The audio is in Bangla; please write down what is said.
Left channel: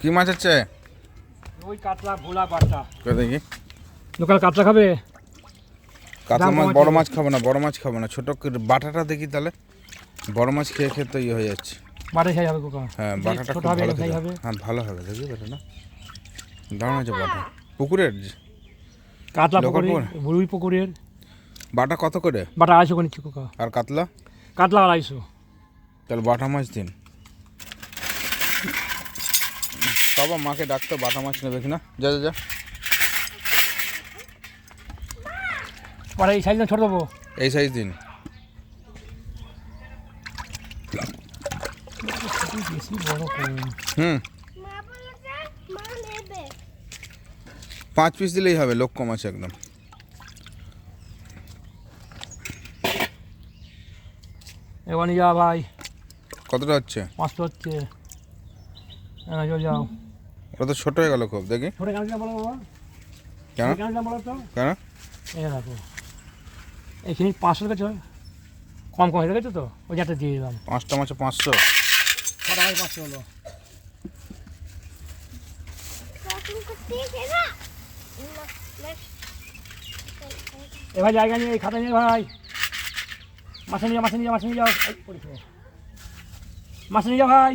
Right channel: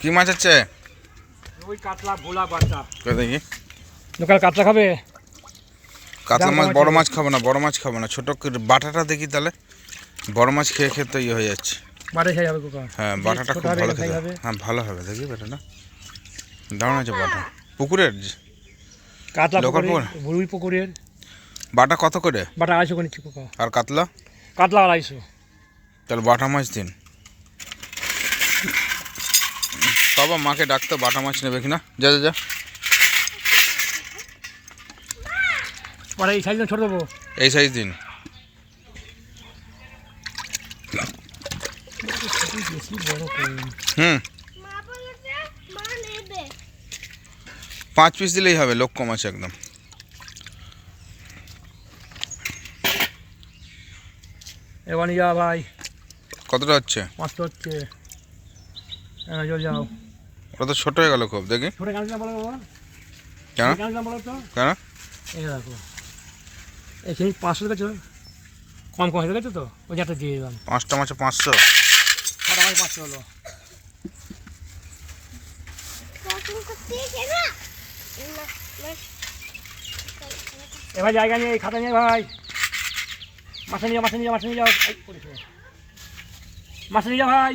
কি মাছ আছে? ওই কাতলা ভোলা বাচ্চা কই দেখি। লোকাল কাতলা খাবে? কাতলা মাছ বড় মাছ খাব না বড় মাছ খাব না। ছোট করে বাটাটা দেখি তাহলে। বড় মাছ খেয়ে খেয়ে তো ইয়ে হয়ে যাচ্ছে। বাড়ি খাই হবে কোকা হ্যাঁ বাটাটা খুব ভালো খেতে হবে। হ্যাঁ ভালো হবে। দেখি বেটাটা। দারুণ আছে বাটা। পুকুরের? কাতলা লোকাল পুকুরের পুকুর? পুকুরের। বাটা কত করে? বাটা আড়াইশো করে আর কাতলা? কাতলা আড়াইশো। তাহলে বাটা মাছ দিন। বাবা মাকে ডাকতো বাটা মাছ নেবে কিনা? যা যা যা। এই সাইজ ছোট দেবো। এই সাইজ দিন। হুম। পাঁচ পিস দিলেই হবে লোক কম আছে একদম। এবার যা ভাই। কতটা হচ্ছে? পাঁচটা হচ্ছে। যাও। ওটা তো ছোট হয়ে গেল খুব দেখি। ছোটো কেন দিলাম বলো বাবা? কেন? বলো তো? কেন? এই দেখো। এখানে পাঁচশো দেখেছ কম কম হয়ে গেছে তো ওই একটা দিয়ে দিলাম। পাঁচটা মাছে পাঁচশো। ছটা মাছ পাঁচশো হলো। শপিং করতে গেছে না এ ভাই জায়গা নিয়ে এই খাতা নিয়ে ভাই। মাছে নিয়ে যাও মাছে নিয়ে যাও মাছে নিয়ে যাও। মাছে নিয়ে যাও ভাই।